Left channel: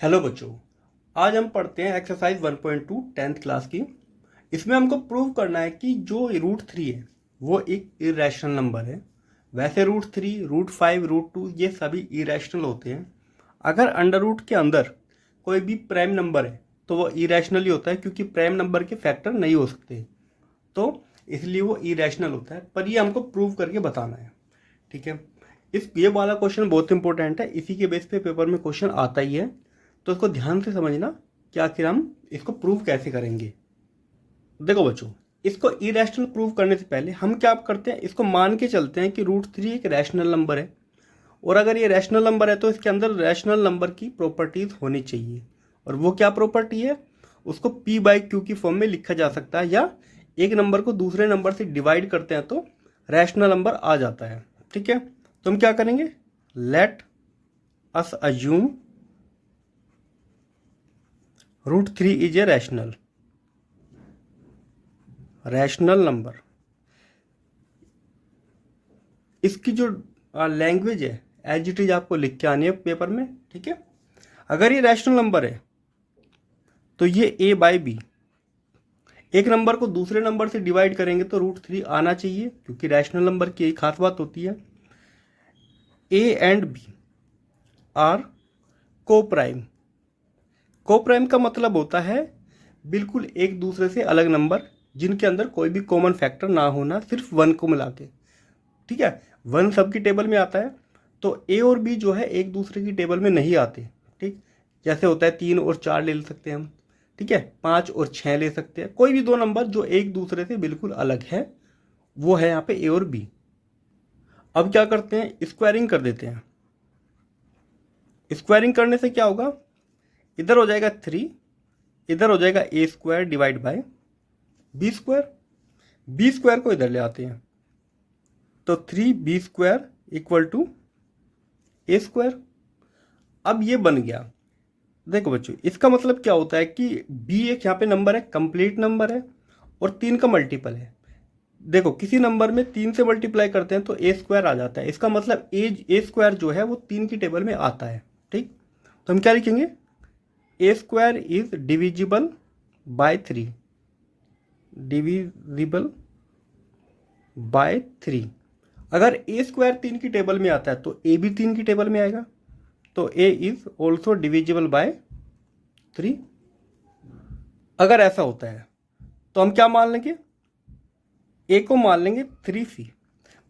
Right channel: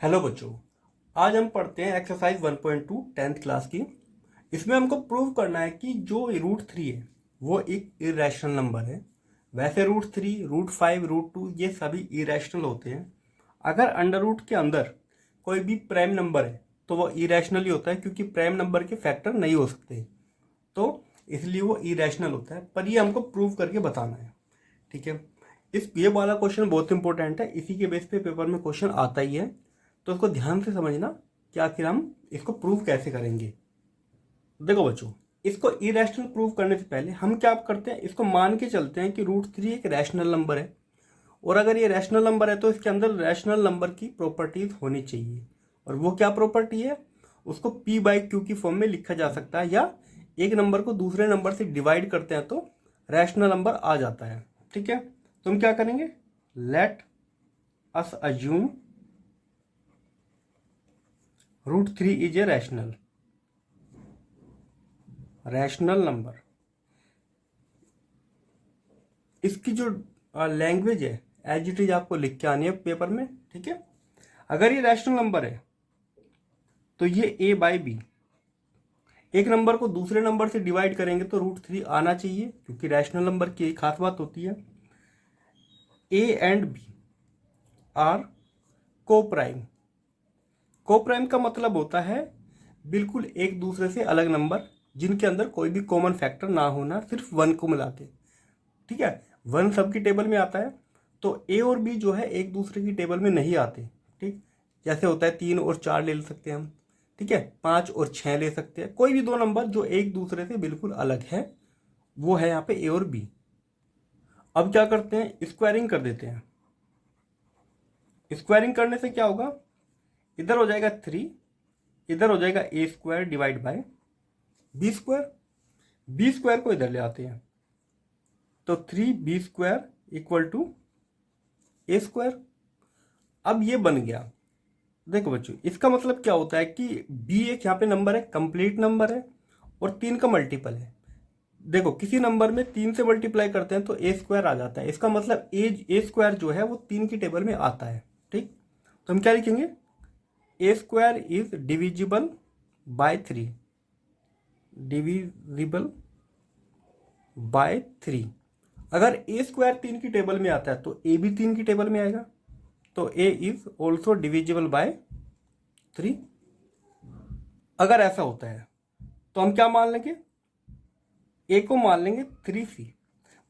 Hello बच्चों, आज हम पढ़ते हैं एक्सरसाइज 1.2 टेंथ क्लास की। इसमें हमको प्रूव करना है कि जो रूट 3 है वो एक इरेशनल नंबर है। वैसे रूट 3, रूट 5, रूट 2 ये सभी इरेशनल होते हैं। अगर अंडर रूट के अंदर कोई भी प्राइम नंबर है तो वो इरेशनल ही होता है, क्योंकि प्राइम नंबर के फैक्टर नहीं हो सकते, तो इसलिए वो इरेशनल होता है। पर ये हमको प्रूव करके बताना है, ठीक है। ये वाला क्वेश्चन बहुत इंपॉर्टेंट है, इसी के बेस पे पेपर में क्वेश्चन आता ही है, तो इसको ध्यान से समझना कि आखिर हम इसको प्रूव कैसे करेंगे। देखो बच्चों, इसको इरेशनल प्रूव करने से पहले हम क्या करते हैं, इसको मान के चलते हैं कि रूट 3 एक रैशनल नंबर है, और अगर ये रैशनल नंबर है तो इसके अंदर रैशनल नंबर की प्रॉपर्टीज होनी चाहिए। और वो क्या प्रॉपर्टी है, उसको p/q की फॉर्म में लिखा जा सकता है, या एक नंबर को दूसरे नंबर से डिवाइड करते हैं तो रैशनल नंबर आ जाता है, ठीक है। तो हम क्या करेंगे, let us assume root 3 is a rational number. इसकी जो लैंग्वेज है एज इट इज आपको लिख के आनी है पेपर में, ठीक है। अगर ये रैशनल नंबर है तो ये a/b, एक नंबर को दूसरे नंबर से डिवाइड करेंगे तो रूट 3 आना चाहिए, क्योंकि रैशनल नंबर की एक खास बात होती है, a एंड b आर को प्राइम। को प्राइम का मतलब होता है बिल्कुल एक दूसरे से अलग नंबर, जिनके अंदर कोई भी कॉमन फैक्टर ना होना, सिर्फ 1 को मिला के, ठीक है। 1 सबकी टेबल में आता है, तो ए और बी जो है एक दूसरे की टेबल में नहीं आते, ठीक। जैसे होता है 3 और 4 ले सकते हैं हम, ठीक है, 5 और 6 ले सकते हैं। कोई भी दो नंबर जो एक दूसरे से बिल्कुल अलग है, वो है यहाँ पे ए और बी। अब क्या करते हैं, स्क्वायरिंग कर देते हैं। स्क्वायरिंग करने से क्या होगा, इधर हो जाएगा 3, इधर हो जाएगा a² divide by b²। b² को इधर ले आते हैं, तो 3b² इक्वल टू a²। अब ये बन गया। देखो बच्चों, इसका मतलब क्या होता है कि b एक यहाँ पे नंबर है, कंप्लीट नंबर है, और 3 का मल्टीपल है। देखो, किसी नंबर में 3 से मल्टीप्लाई करते हैं तो a² आ जाता है, इसका मतलब a² जो है वो 3 की टेबल में आता है, ठीक। तो हम क्या लिखेंगे, a² is divisible by 3, divisible by 3। अगर a² 3 की टेबल में आता है तो a भी 3 की टेबल में आएगा, तो a is also divisible by 3। अगर ऐसा होता है तो हम क्या मान लेंगे, a को मान लेंगे 3c।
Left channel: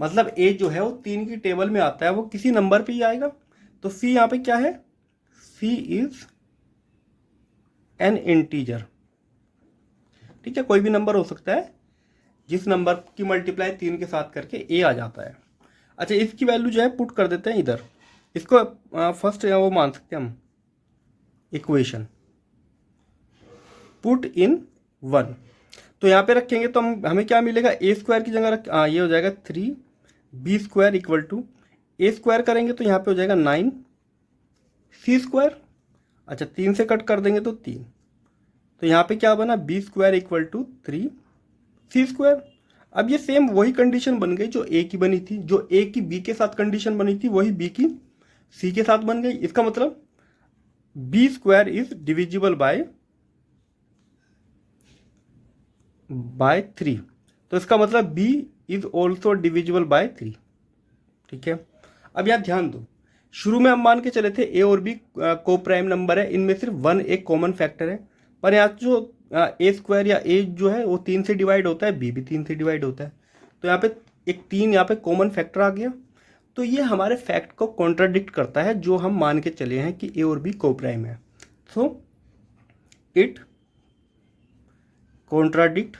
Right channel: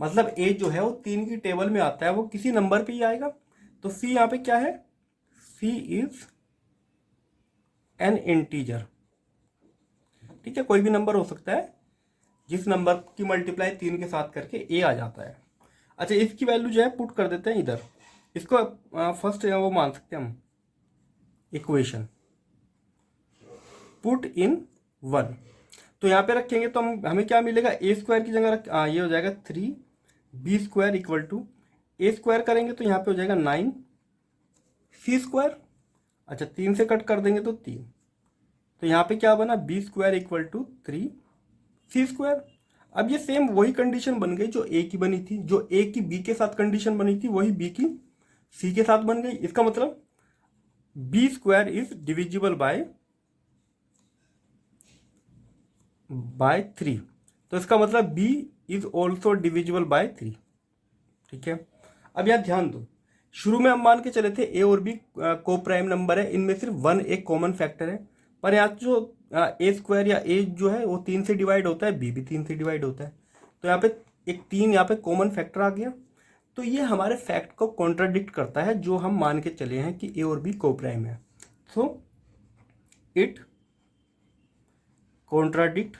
मतलब a जो है वो 3 की टेबल में आता है, वो किसी नंबर पे ही आएगा, तो c यहाँ पे क्या है, c इज एन इंटीजर, ठीक है। कोई भी नंबर हो सकता है जिस नंबर की मल्टीप्लाई 3 के साथ करके a आ जाता है। अच्छा, इसकी वैल्यू जो है पुट कर देते हैं इधर, इसको फर्स्ट वो मान सकते हैं हम इक्वेशन, पुट इन 1। तो यहाँ पे रखेंगे तो हमें क्या मिलेगा, a² की जगह ये हो जाएगा 3b² इक्वल टू a² करेंगे तो यहाँ पे हो जाएगा 9c²। अच्छा, 3 से कट कर देंगे तो 3, तो यहाँ पे क्या बना, b² इक्वल टू 3c²। अब ये सेम वही कंडीशन बन गई जो a की बनी थी, जो a की b के साथ कंडीशन बनी थी वही b की c के साथ बन गई। इसका मतलब b² इज डिविजिबल बाय 3, तो इसका मतलब b is also divisible by 3, ठीक है। अब यहाँ ध्यान दो, शुरू में हम मान के चले थे a और b को प्राइम नंबर है, इनमें सिर्फ 1 एक कॉमन फैक्टर है। पर यहाँ जो a² या a जो है वो 3 से डिवाइड होता है, b भी 3 से डिवाइड होता है, तो यहाँ पे एक 3 यहाँ पे कॉमन फैक्टर आ गया। तो ये हमारे फैक्ट को कॉन्ट्राडिक्ट करता है जो हम मान के चले हैं कि a और b को प्राइम है। So it contradict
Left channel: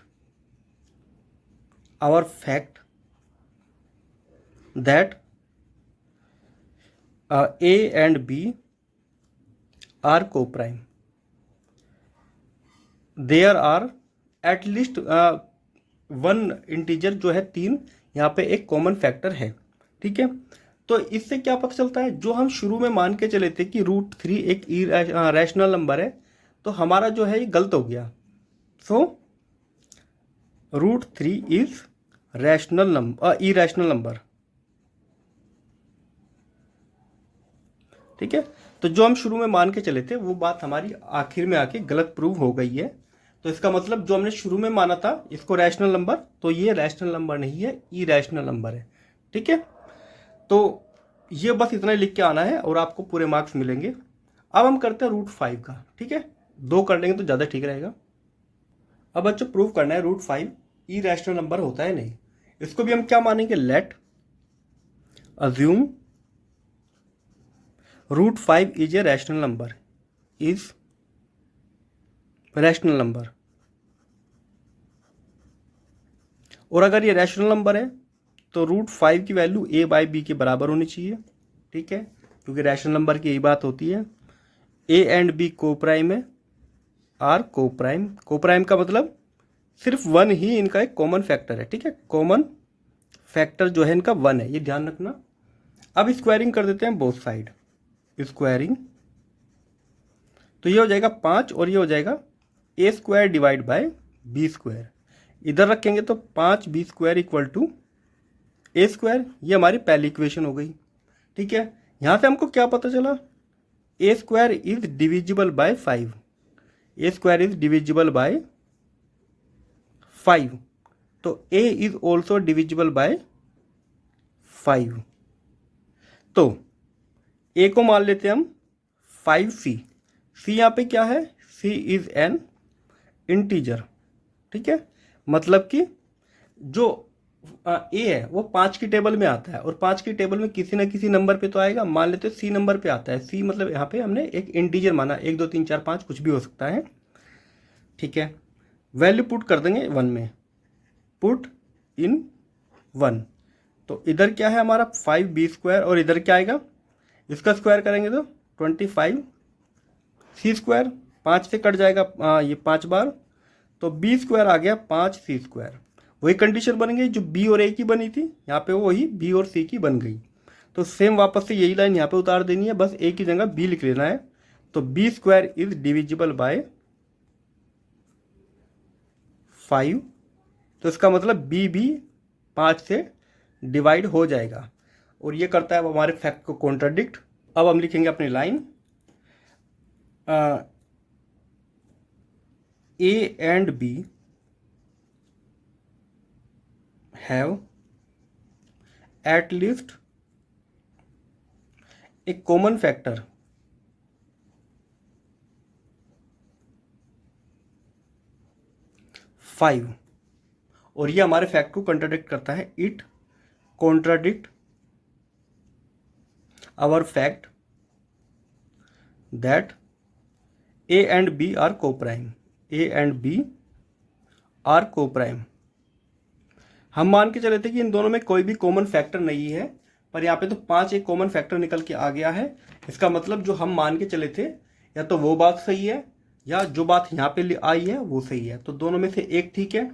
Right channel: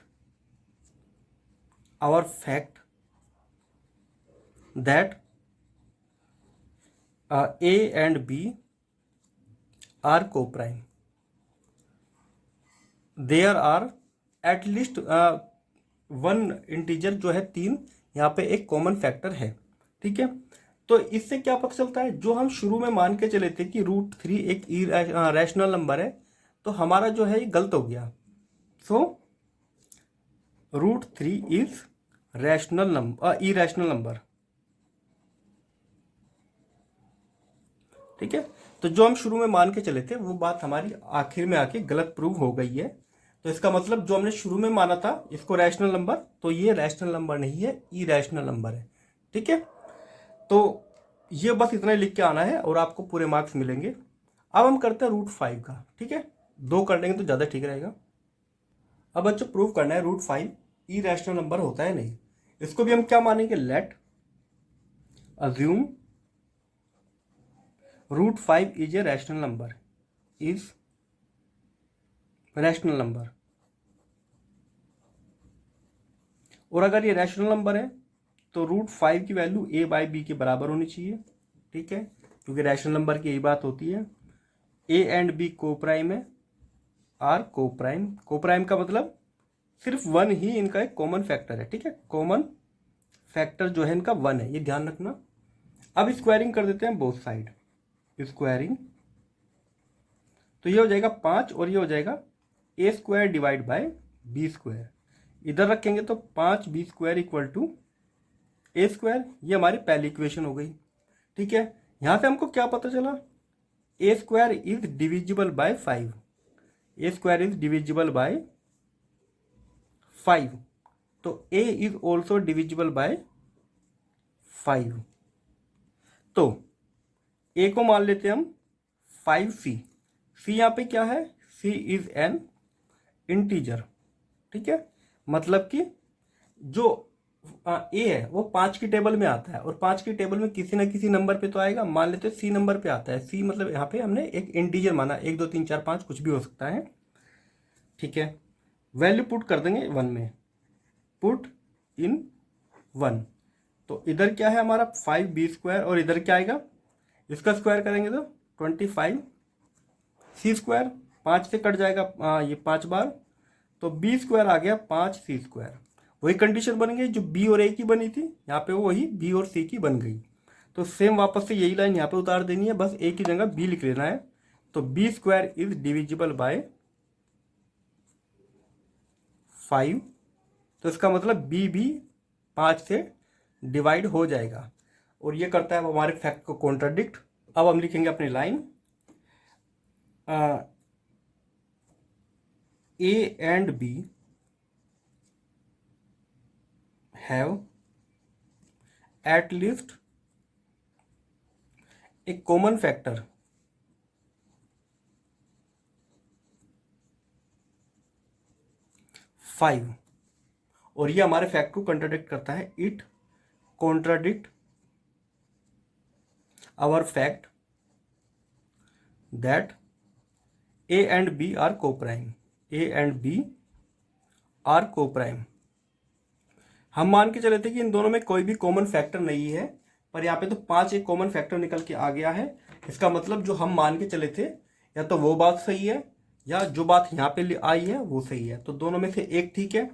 our fact that a and b are co-prime. There are at least one integer जो है 3, यहाँ पे एक कॉमन फैक्टर है, ठीक है। तो इससे क्या पता चलता है, जो हम शुरू में मान के चले थे कि रूट 3 एक रैशनल नंबर है, तो हमारा जो है ये गलत हो गया। So root 3 is rational number, irrational number, ठीक है। तो जो हम शुरू में मान के चले थे वो बात हमारी आखिर में आके गलत प्रूव हो गई है। तो इसका मतलब जो हमने शुरू में माना था इसको रैशनल नंबर, तो ये रैशनल नंबर नहीं है, इरैशनल नंबर है। ठीक है, तो ये बस इतना ही लिख के आना है और आपको पूरे मार्क्स मिलेंगे। अब हम करते हैं √5 का। ठीक है, 2 कर लेंगे तो ज़्यादा ठीक रहेगा। अब बच्चों प्रूव करना है √5 इरैशनल नंबर होता है नहीं। इसको भी हम क्या मानेंगे, late assume √5 is a rational number, is rational number. और अगर ये रैशनल नंबर है तो √5 की वैल्यू a/b के बराबर होनी चाहिए। ठीक है, क्योंकि रैशनल नंबर की यही बात होती है। a एंड b को प्राइम है, आर को प्राइम। को प्राइम का मतलब सिर्फ 1 ही इनका एक कॉमन फैक्टर है। ठीक है, कॉमन फैक्टर जो है इनका 1 है, ये ध्यान रखना। अब स्क्वायरिंग कर देते हैं बोथ साइड, स्क्वायरिंग। तो ये हो जाएगा 5 और ये हो जाएगा a² डिवाइड बाय b²। इधर रखेंगे तो 5b² इक्वल टू a²। ये हमारी पहली इक्वेशन हो गई। ठीक है, यहां से हमको क्या पता चला, a² is divisible by 5। a² is divisible by 5, तो a is also divisible by 5। तो a को मान लेते हैं हम 5c। c यहाँ पे क्या है, c इज एन इंटीजर। ठीक है, मतलब कि जो a है वो 5 की टेबल में आता है और 5 की टेबल में किसी ना किसी नंबर पे तो आएगा। मान लेते हैं c नंबर पे आता है। c मतलब यहाँ पे हमने एक इंटीजर माना, 1 2 3 4 5 कुछ भी हो सकता है। ठीक है, वैल्यू पुट कर देंगे 1 में, पुट इन 1। तो इधर क्या है हमारा 5b² और इधर क्या आएगा, इसका स्क्वायर करेंगे तो 25c²। 5 से कट जाएगा ये 5 बार, तो b² आ गया 5c²। वही कंडीशन बन गई जो b और a की बनी थी, यहाँ पे वही b और c की बन गई। तो सेम वापस से यही लाइन यहाँ पे उतार देनी है, बस a की जगह b लिख लेना है। तो b² इज डिविजिबल बाय 5। तो इसका मतलब b भी 5 से डिवाइड हो जाएगा और ये करता है हमारे फैक्ट को कॉन्ट्राडिक्ट। अब हम लिखेंगे अपनी line, a and b have at least a common factor five. और ये हमारे फैक्ट को कॉन्ट्राडिक्ट करता है। It contradict our fact that a and b are coprime. a and b are coprime. हम मान के चले थे कि इन दोनों में कोई भी कॉमन फैक्टर नहीं है, पर यहाँ पे तो 5 एक कॉमन फैक्टर निकल के आ गया है। इसका मतलब जो हम मान के चले थे या तो वो बात सही है या जो बात यहाँ पे आई है वो सही है, तो दोनों में से एक ठीक है।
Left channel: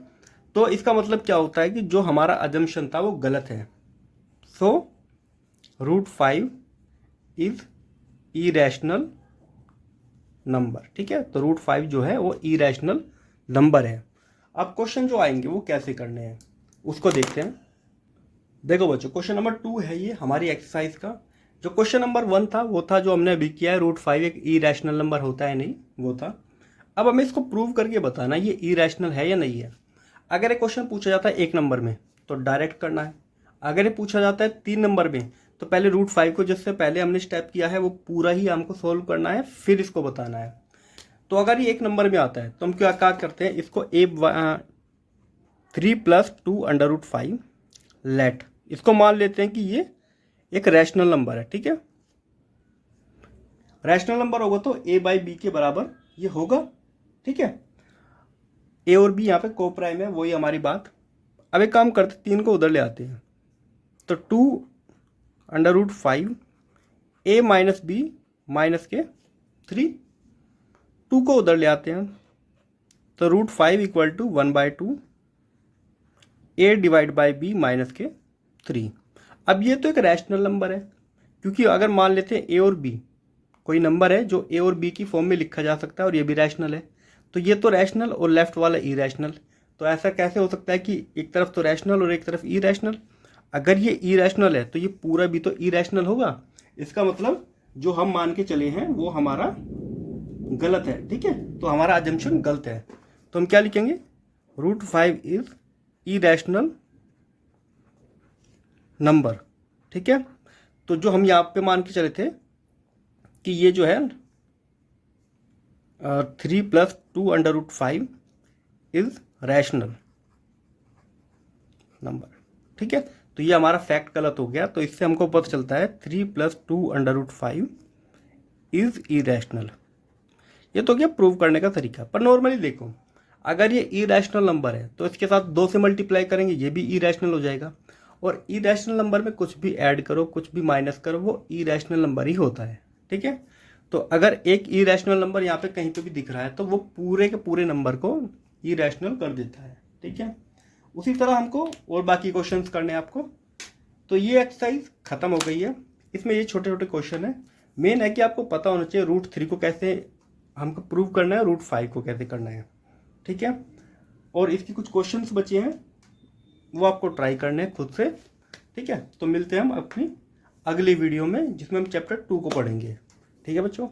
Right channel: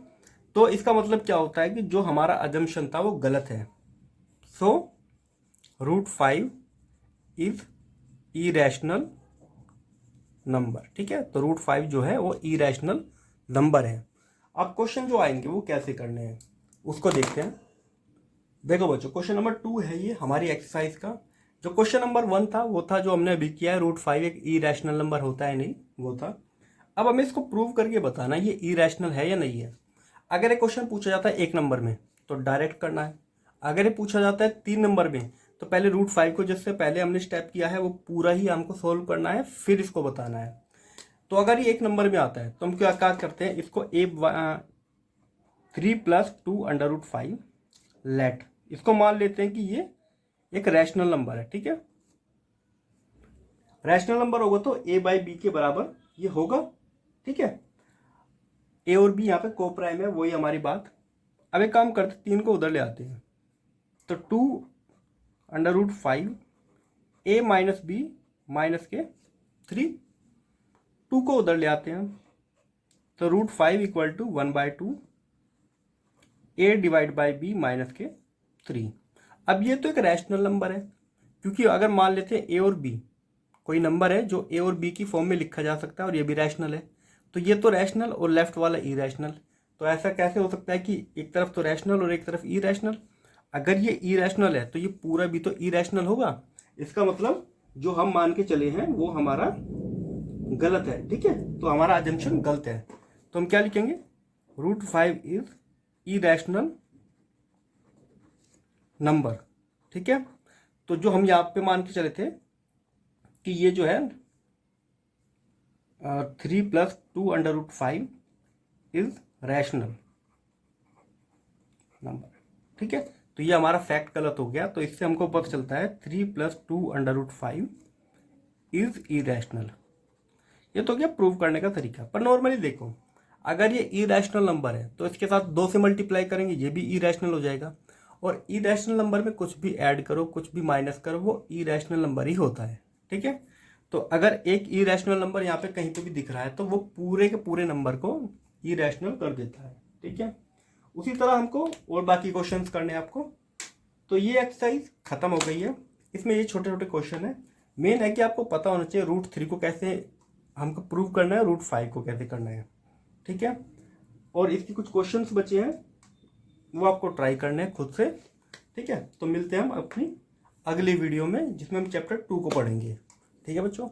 तो इसका मतलब क्या होता है कि जो हमारा अजम्पशन था वो गलत है। सो √5 इज इरैशनल नंबर। ठीक है, तो √5 जो है वो इरैशनल नंबर है। अब क्वेश्चन जो आएंगे वो कैसे करने हैं उसको देखते हैं। देखो बच्चों, क्वेश्चन नंबर 2 है ये हमारी एक्सरसाइज का। जो क्वेश्चन नंबर 1 था वो था जो हमने अभी किया है, √5 एक इरैशनल नंबर होता है नहीं, वो था। अब हमें इसको प्रूव करके बताना ये इरैशनल है या नहीं है। अगर ये क्वेश्चन पूछा जाता है 1 नंबर में तो डायरेक्ट करना है। अगर ये पूछा जाता है 3 नंबर में तो पहले √5 को जिससे पहले हमने स्टेप किया है वो पूरा ही हमको सोल्व करना है, फिर इसको बताना है। तो अगर ये 1 नंबर में आता है तो हम क्या करते हैं, इसको 3 + 2 √5 लेट, इसको मान लेते हैं कि ये एक रैशनल नंबर है। ठीक है, रैशनल नंबर होगा तो a/b के बराबर ये होगा। ठीक है, a और b यहाँ पे को प्राइम है, वही हमारी बात। अब एक काम करते 3 को उधर ले आते हैं, तो 2 √5 a - b - 3, 2 को उधर ले आते हैं तो √5 equal to 1/2 a divide by b - 3। अब ये तो एक रैशनल नंबर है, क्योंकि अगर मान लेते हैं a और b कोई नंबर है जो a और b की फॉर्म में लिखा जा सकता है और ये भी रैशनल है, तो ये तो रैशनल और लेफ्ट वाला इरैशनल। तो ऐसा कैसे हो सकता है कि एक तरफ तो रैशनल और एक तरफ इरैशनल। अगर ये इरैशनल है तो ये पूरा भी तो इरैशनल होगा। इसका मतलब जो हम मान के चले हैं वो हमारा गलत है, ठीक है। तो हमारा अजम्पशन गलत है, तो हम क्या लिखेंगे, √5 इज इरेशनल नंबर, ठीक है। तो जो हम यहाँ पे मान के चले थे कि ये जो है 3 + 2√5 इज रैशनल नंबर, ठीक है। तो ये हमारा फैक्ट गलत हो गया, तो इससे हमको पता चलता है 3 + 2√5 इज इरेशनल। ये तो क्या प्रूव करने का तरीका। पर नॉर्मली देखो, अगर ये इरेशनल नंबर है तो इसके साथ 2 से मल्टीप्लाई करेंगे, ये भी इरेशनल हो जाएगा। और इरेशनल नंबर में कुछ भी ऐड करो, कुछ भी माइनस करो, वो इरेशनल नंबर ही होता है, ठीक है। तो अगर एक इरेशनल नंबर यहाँ पे कहीं पे भी दिख रहा है तो वो पूरे के पूरे नंबर को इरेशनल कर देता है, ठीक है। उसी तरह हमको और बाकी क्वेश्चंस करने हैं आपको। तो ये एक्सरसाइज खत्म हो गई है। इसमें ये छोटे छोटे क्वेश्चन है। मेन है कि आपको पता होना चाहिए √3 को कैसे हमको प्रूव करना है, √5 को कैसे करना है, ठीक है। और इसकी कुछ क्वेश्चंस बचे हैं, वो आपको ट्राई करने हैं खुद से, ठीक है। तो मिलते हैं हम अपनी अगली वीडियो में जिसमें हम चैप्टर 2 को पढ़ेंगे, ठीक है बच्चों।